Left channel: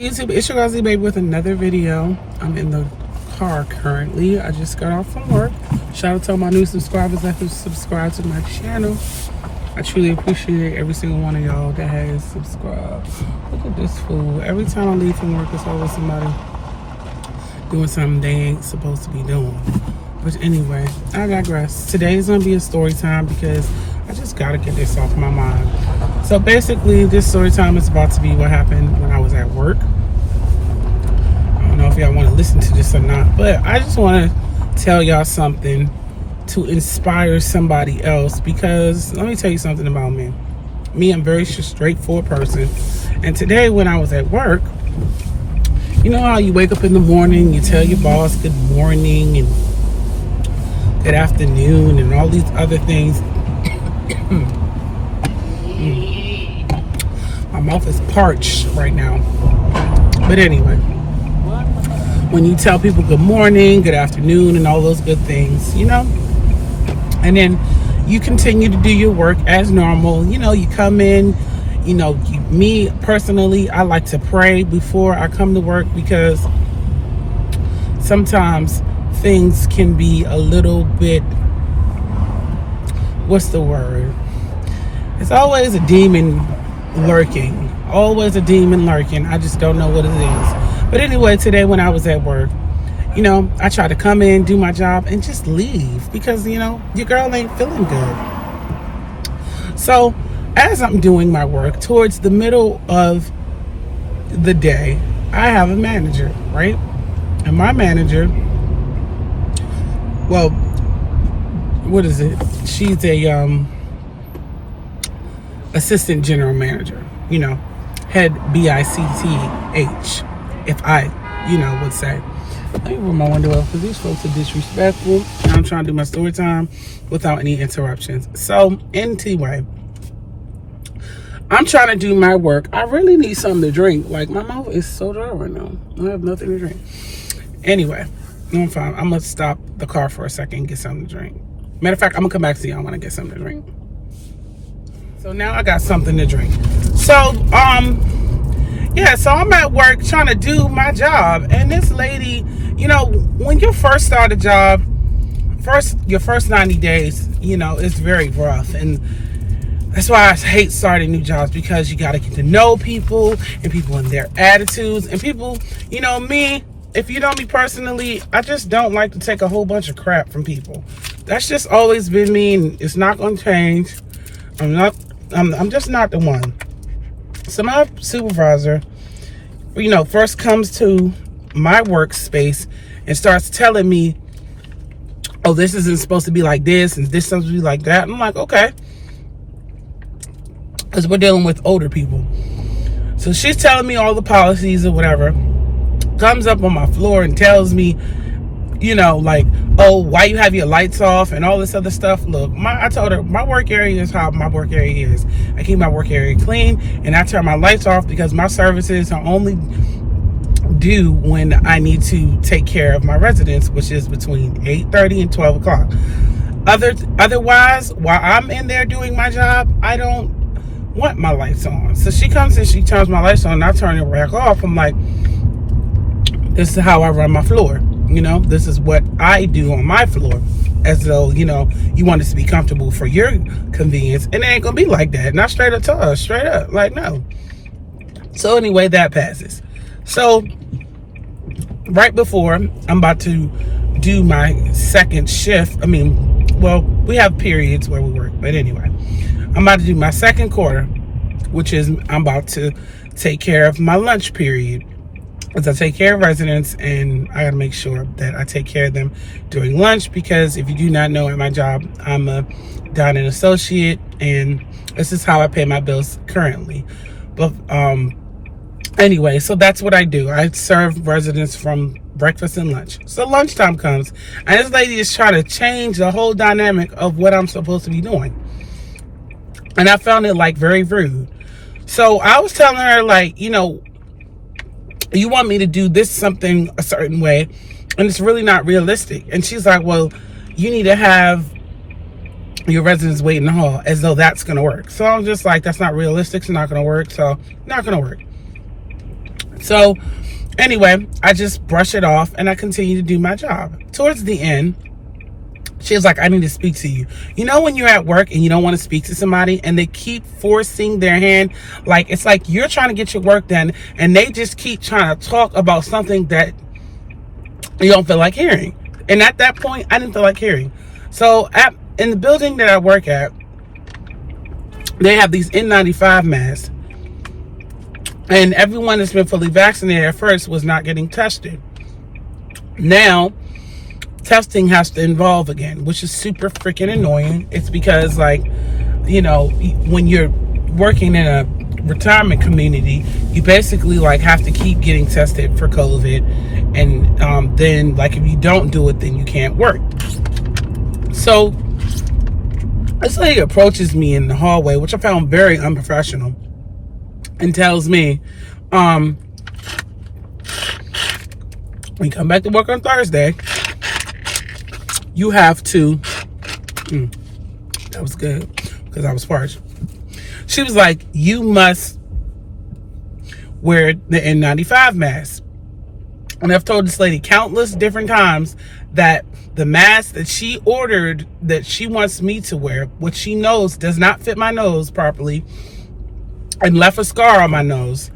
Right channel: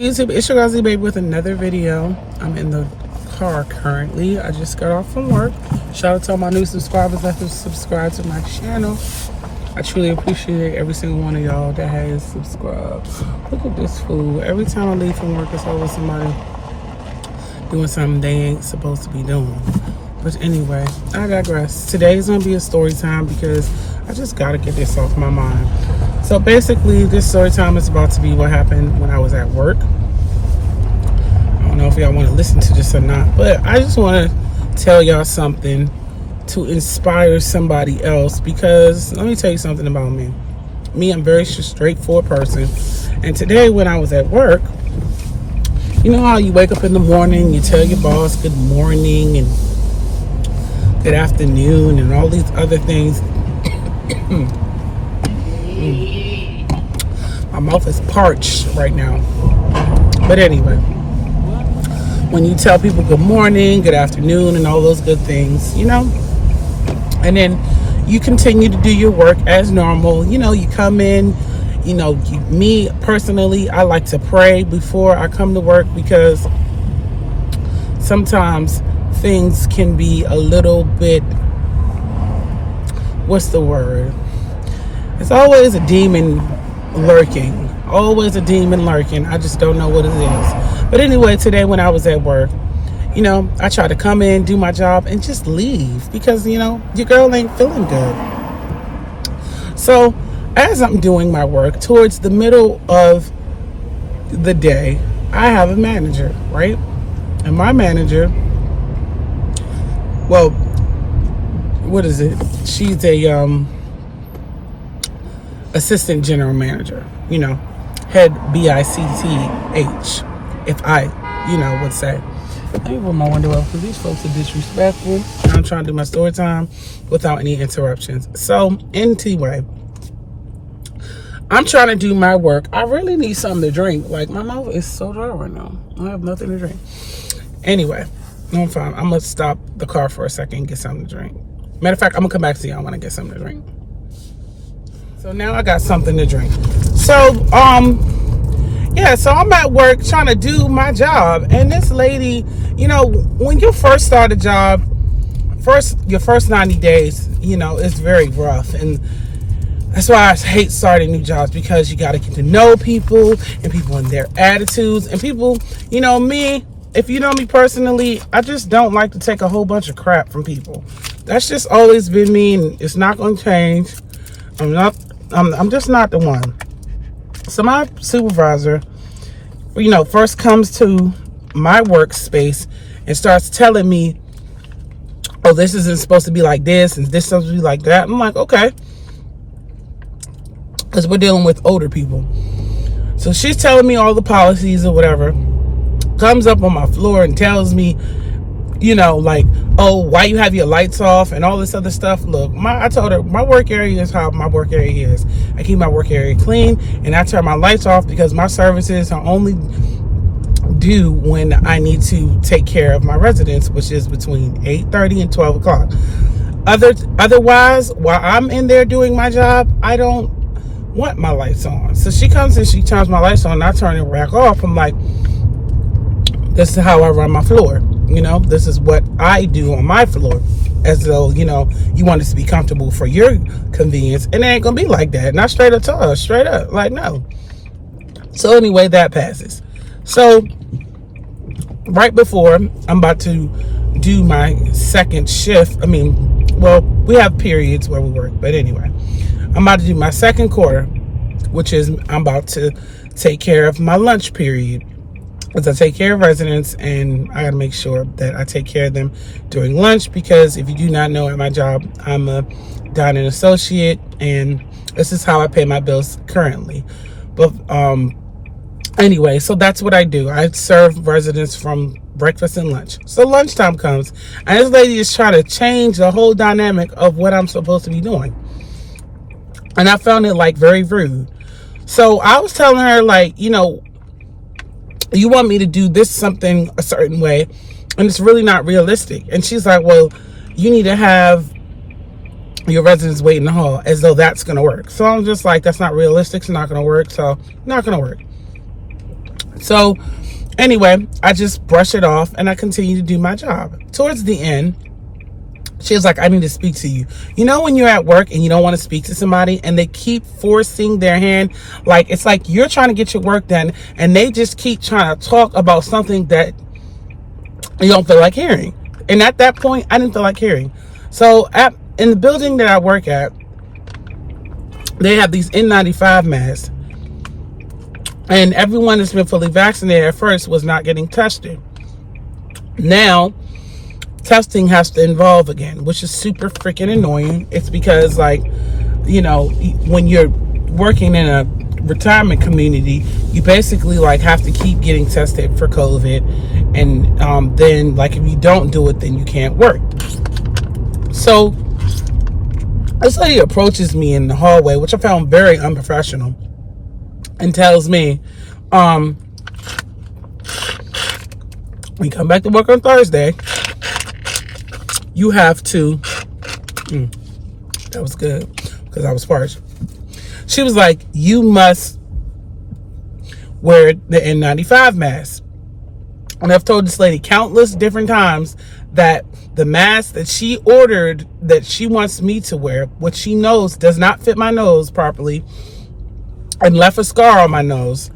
YouTube, it's your girl Z Baby with another video. I'm in the car currently. I just got off from work. Shout out to all my new subscribers that have subscribed to my channel. I truly appreciate every single one of y'all that has subscribed. Look at this fool. Every time I leave from work, it's always somebody doing something they ain't supposed to be doing. But anyway, I digress. Today is going to be a story time because I just got to get this off my mind. So basically, this story time is about to be what happened when I was at work. I don't know if y'all want to listen to this or not, but I just want to tell y'all something to inspire somebody else, because let me tell you something about me. I'm a very straightforward person. And today when I was at work, you know how you wake up in the morning, you tell your boss good morning and good afternoon and all these other things. My mouth is parched right now. But anyway, when you tell people good morning, good afternoon, and all those good things, you know, and then you continue to do your work as normal. You know, you come in, you know, me personally, I like to pray before I come to work, because sometimes things can be a little bit, what's the word? It's always a demon lurking. Always a demon lurking. I just don't know what it is. But anyway, today when I was at work, you know, I try to come in, do my job, and just leave, because, you know, your girl ain't feeling good. So as I'm doing my work, towards the middle of the day, I have a manager, right? And my manager, well, what is it? She's a assistant general manager, you know, head BICTH, if I, you know, would say. Let me roll my window up because these folks are disrespectful. I'm trying to do my story time without any interruptions. So anyway, I'm trying to do my work. I really need something to drink. Like, my mouth is so dry right now. I have nothing to drink. Anyway, I'm fine. I'm gonna stop the car for a second and get something to drink. Matter of fact, I'm gonna come back to y'all when I get something to drink. So now I got something to drink. So, yeah, so I'm at work trying to do my job. And this lady, you know, when you first start a job, your first 90 days, you know, it's very rough. And that's why I hate starting new jobs, because you got to get to know people and people and their attitudes. And people, you know, me, if you know me personally, I just don't like to take a whole bunch of crap from people. That's just always been me, and it's not going to change. I'm just not the one. So my supervisor, you know, first comes to my workspace and starts telling me, oh, this isn't supposed to be like this, and this is supposed to be like that. I'm like, okay. Because we're dealing with older people. So she's telling me all the policies or whatever. Comes up on my floor and tells me, you know, like, oh, why you have your lights off and all this other stuff. Look, I told her my work area is how my work area is. I keep my work area clean, and I turn my lights off because my services are only due when I need to take care of my residents, which is between 8:30 and 12 o'clock. Otherwise, while I'm in there doing my job, I don't want my lights on. So she comes and she turns my lights on, and I turn it back off. I'm like, this is how I run my floor. You know, this is what I do on my floor. As though, you know, you want us to be comfortable for your convenience. And it ain't gonna be like that. And I straight up tell her, straight up, like, no. So anyway, that passes. So right before I'm about to do my second shift, I mean, well, we have periods where we work, but anyway, I'm about to do my second quarter, which is I'm about to take care of my lunch period. As I take care of residents, and I gotta make sure that I take care of them during lunch, because if you do not know, at my job, I'm a dining associate, and this is how I pay my bills currently. But anyway, so that's what I do. I serve residents from breakfast and lunch. So lunchtime comes, and this lady is trying to change the whole dynamic of what I'm supposed to be doing. And I found it, like, very rude. So I was telling her, like, you know, you want me to do this something a certain way, and it's really not realistic. And she's like, well, you need to have your residents wait in the hall, as though that's gonna work. So I'm just like, that's not realistic, it's not gonna work, so not gonna work. So anyway, I just brush it off and I continue to do my job. Towards the end, she was like, I need to speak to you. You know when you're at work and you don't want to speak to somebody and they keep forcing their hand, like it's like you're trying to get your work done and they just keep trying to talk about something that you don't feel like hearing. And at that point, I didn't feel like hearing. So in the building that I work at, they have these N95 masks. And everyone that's been fully vaccinated at first was not getting tested. Now, testing has to involve again, which is super freaking annoying. It's because, like, you know, when you're working in a retirement community, you basically like have to keep getting tested for COVID, and then like if you don't do it, then you can't work. So this lady approaches me in the hallway, which I found very unprofessional, and tells me, we come back to work on Thursday, you have to, that was good, because I was parched. She was like, you must wear the N95 mask. And I've told this lady countless different times that the mask that she ordered, that she wants me to wear, which she knows does not fit my nose properly, and left a scar on my nose,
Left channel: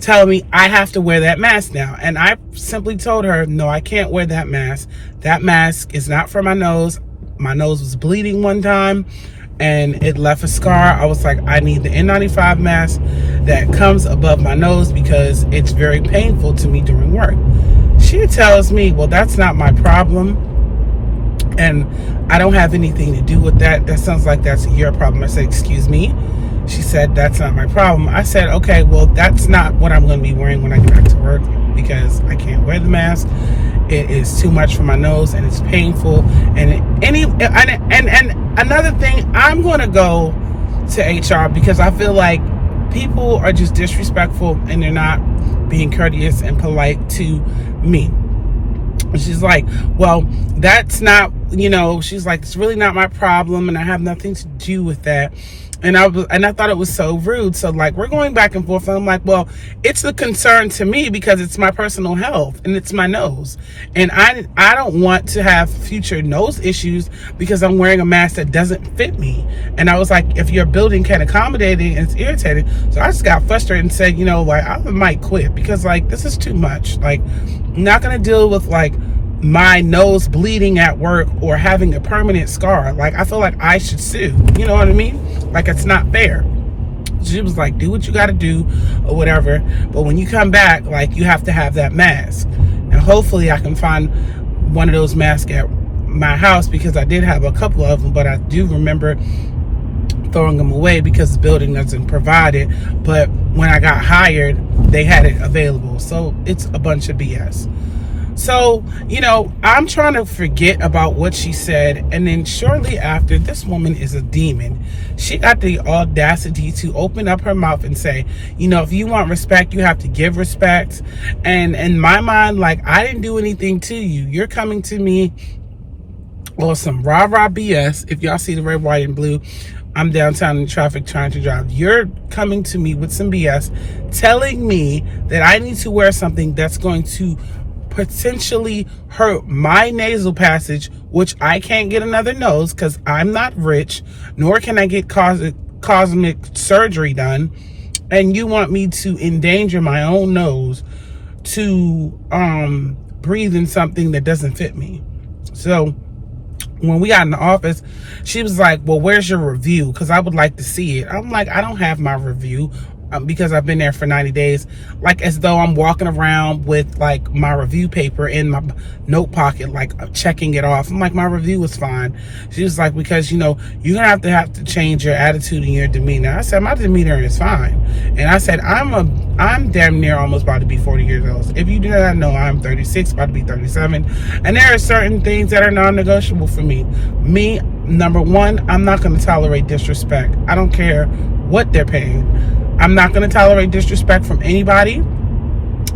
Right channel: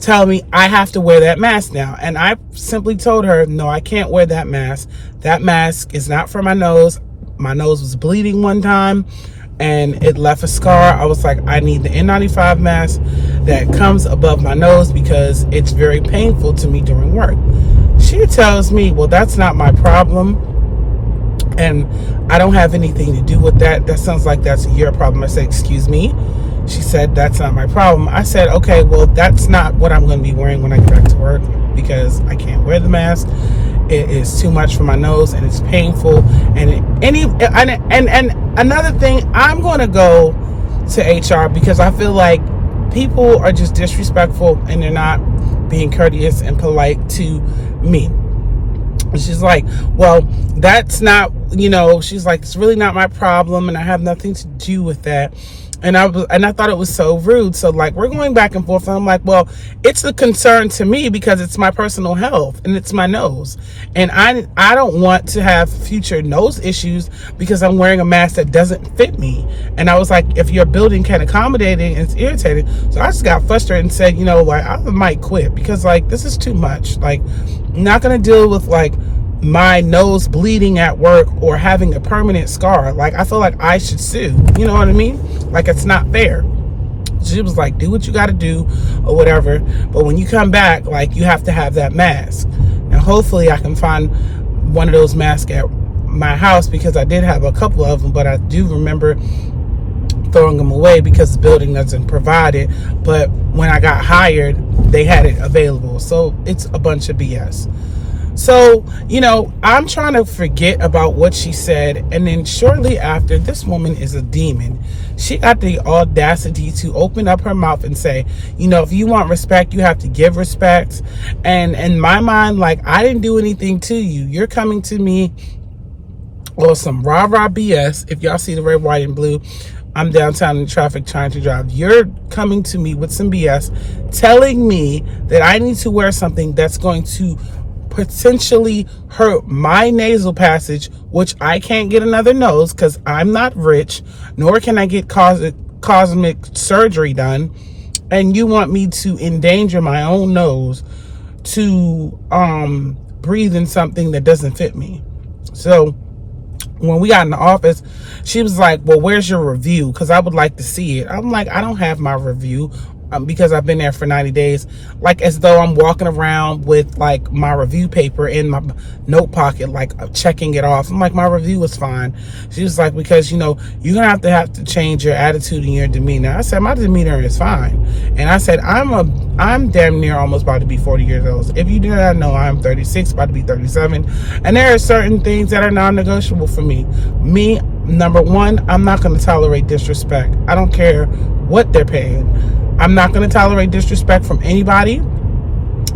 tell me I have to wear that mask now. And I simply told her, no, I can't wear that mask. That mask is not for my nose. My nose was bleeding one time and it left a scar. I was like, I need the N95 mask that comes above my nose because it's very painful to me during work. She tells me, well, that's not my problem, and I don't have anything to do with that. That sounds like that's your problem. I said, excuse me? She said, that's not my problem. I said, okay, well, that's not what I'm going to be wearing when I get back to work because I can't wear the mask. It is too much for my nose and it's painful. And another thing, I'm going to go to HR because I feel like people are just disrespectful and they're not being courteous and polite to me. She's like, well, that's not, you know, she's like, it's really not my problem and I have nothing to do with that. And I thought it was so rude. So like, we're going back and forth. And I'm like, well, it's a concern to me because it's my personal health and it's my nose. And I don't want to have future nose issues because I'm wearing a mask that doesn't fit me. And I was like, if your building can accommodate it, and it's irritating. So I just got frustrated and said, you know, like, I might quit because like, this is too much. Like, I'm not going to deal with like my nose bleeding at work or having a permanent scar. Like, I feel like I should sue. You know what I mean? Like, it's not fair. She was like, do what you got to do or whatever. But when you come back, like, you have to have that mask. And hopefully I can find one of those masks at my house because I did have a couple of them, but I do remember throwing them away because the building doesn't provide it. But when I got hired, they had it available. So it's a bunch of BS. So, you know, I'm trying to forget about what she said. And then shortly after, this woman is a demon. She got the audacity to open up her mouth and say, you know, if you want respect, you have to give respect. And in my mind, like, I didn't do anything to you. You're coming to me or some rah-rah BS. If y'all see the red, white, and blue, I'm downtown in traffic trying to drive. You're coming to me with some BS, telling me that I need to wear something that's going to potentially hurt my nasal passage, which I can't get another nose because I'm not rich, nor can I get cosmetic surgery done. And you want me to endanger my own nose to breathe in something that doesn't fit me. So when we got in the office, she was like, well, where's your review? Because I would like to see it. I'm like, I don't have my review. Because I've been there for 90 days, like as though I'm walking around with like my review paper in my note pocket, like checking it off. I'm like, my review was fine. She was like, because, you know, you're gonna have to change your attitude and your demeanor. I said, my demeanor is fine. And I said, I'm damn near almost about to be 40 years old. If you do not know, I'm 36, about to be 37. And there are certain things that are non-negotiable for me. Me, number one, I'm not gonna tolerate disrespect. I don't care what they're paying. I'm not going to tolerate disrespect from anybody.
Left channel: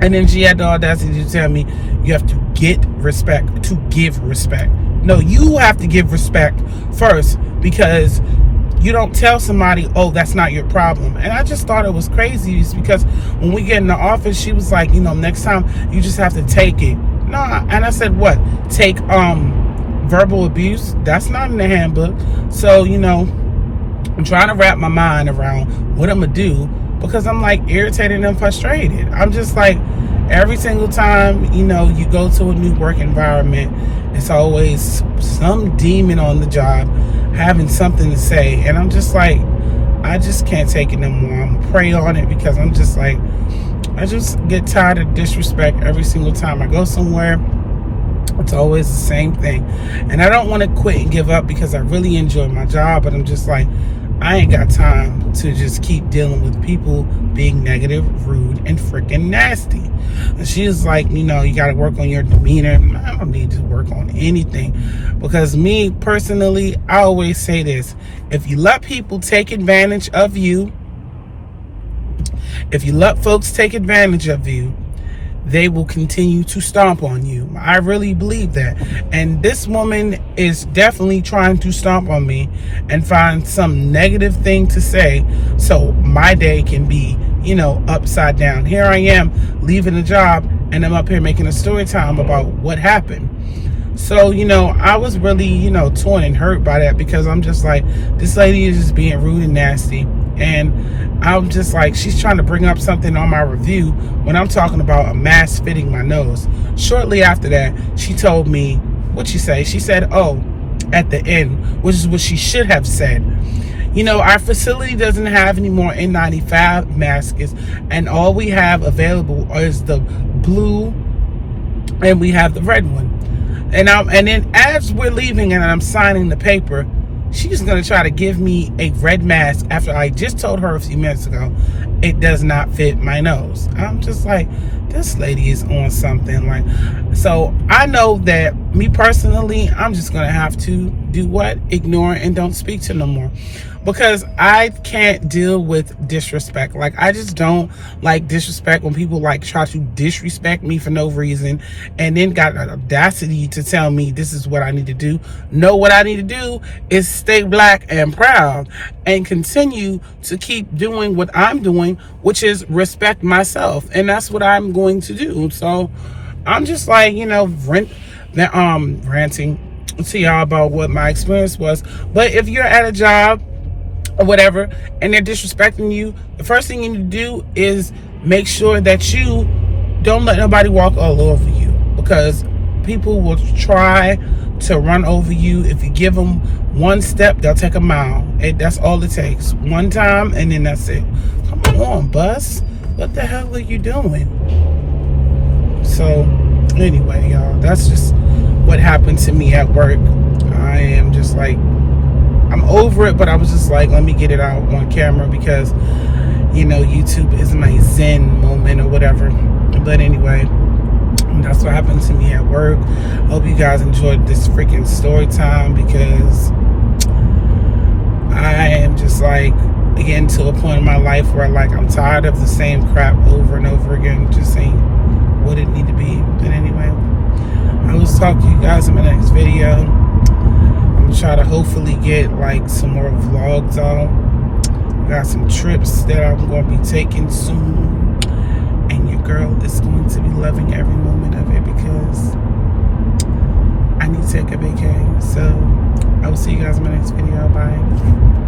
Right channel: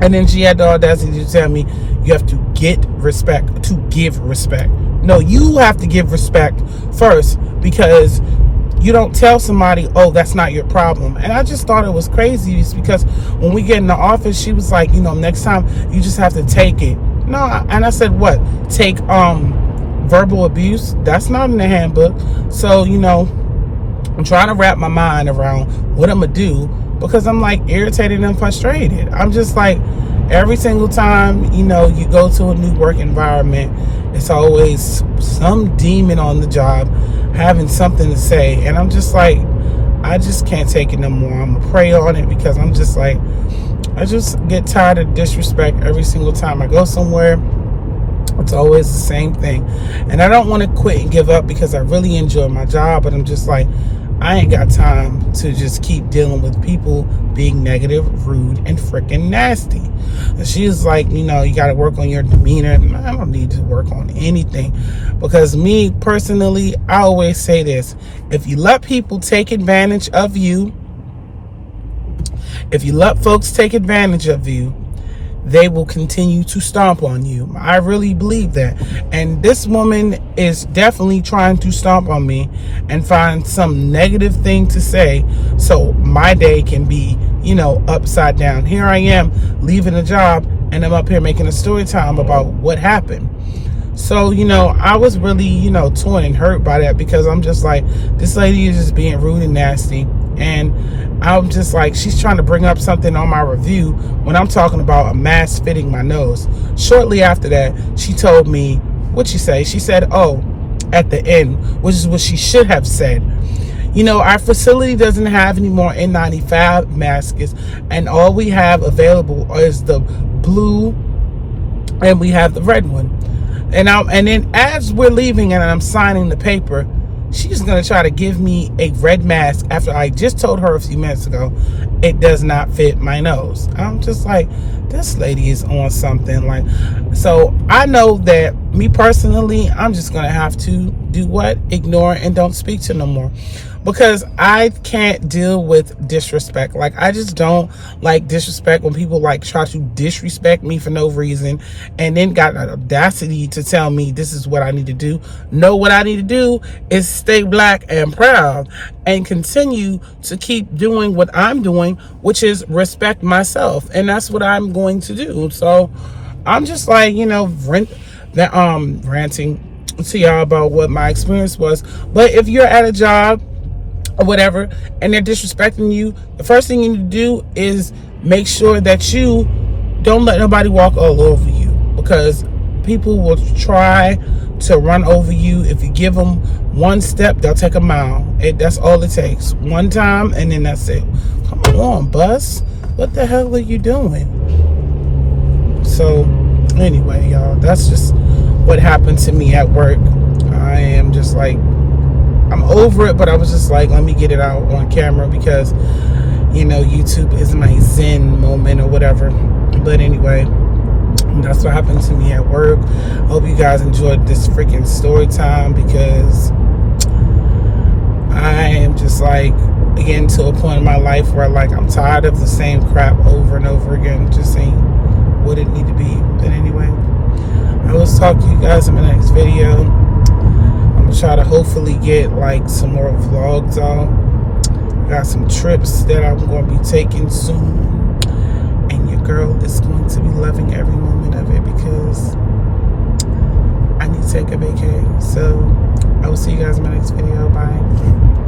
And then she had the audacity to tell me, you have to get respect to give respect. No, you have to give respect first because you don't tell somebody, oh, that's not your problem. And I just thought it was crazy because when we get in the office, she was like, next time you just have to take it. No, and I said, what? Take verbal abuse? That's not in the handbook. So, I'm trying to wrap my mind around what I'm going to do because I'm like irritated and frustrated. I'm just like, every single time, you go to a new work environment, it's always some demon on the job having something to say. And I'm just like, I just can't take it no more. I'm going to pray on it because I'm just like, I just get tired of disrespect every single time I go somewhere. It's always the same thing. And I don't want to quit and give up because I really enjoy my job, but I'm just like, I ain't got time to just keep dealing with people being negative, rude, and freaking nasty. And she's like, you got to work on your demeanor. I don't need to work on anything because me personally, I always say this. If you let people take advantage of you, if you let folks take advantage of you, they will continue to stomp on you. I really believe that. And this woman is definitely trying to stomp on me and find some negative thing to say so my day can be, upside down. Here I am leaving a job and I'm up here making a story time about what happened. So, I was really, torn and hurt by that because I'm just like, this lady is just being rude and nasty. And I'm just like, she's trying to bring up something on my review when I'm talking about a mask fitting my nose. Shortly after that, she told me, what'd she say? She said, oh, at the end, which is what she should have said. Our facility doesn't have any more N95 masks, and all we have available is the blue and we have the red one. And then as we're leaving and I'm signing the paper, she's going to try to give me a red mask after I just told her a few minutes ago it does not fit my nose. I'm just like, this lady is on something. Like, so I know that me personally, I'm just going to have to do what? Ignore and don't speak to no more. Because I can't deal with disrespect. Like, I just don't like disrespect when people like try to disrespect me for no reason and then got the audacity to tell me this is what I need to do. No, what I need to do is stay black and proud and continue to keep doing what I'm doing, which is respect myself. And that's what I'm going to do. So I'm just like, ranting to y'all about what my experience was. But if you're at a job or whatever and they're disrespecting you, the first thing you need to do is make sure that you don't let nobody walk all over you, because people will try to run over you. If you give them one step, they'll take a mile. That's all it takes. One time and then that's it. Come on, bus. What the hell are you doing? So anyway, y'all, that's just what happened to me at work. I am just like, I'm over it, but I was just like, let me get it out on camera because, YouTube is my zen moment or whatever. But anyway, that's what happened to me at work. Hope you guys enjoyed this freaking story time because I am just like getting to a point in my life where like I'm tired of the same crap over and over again. Just saying what it need to be. But anyway, I will talk to you guys in my next video. Try to hopefully get like some more vlogs out. Got some trips that I'm going to be taking soon, and your girl is going to be loving every moment of it because I need to take a vacay. So I will see you guys in my next video. Bye.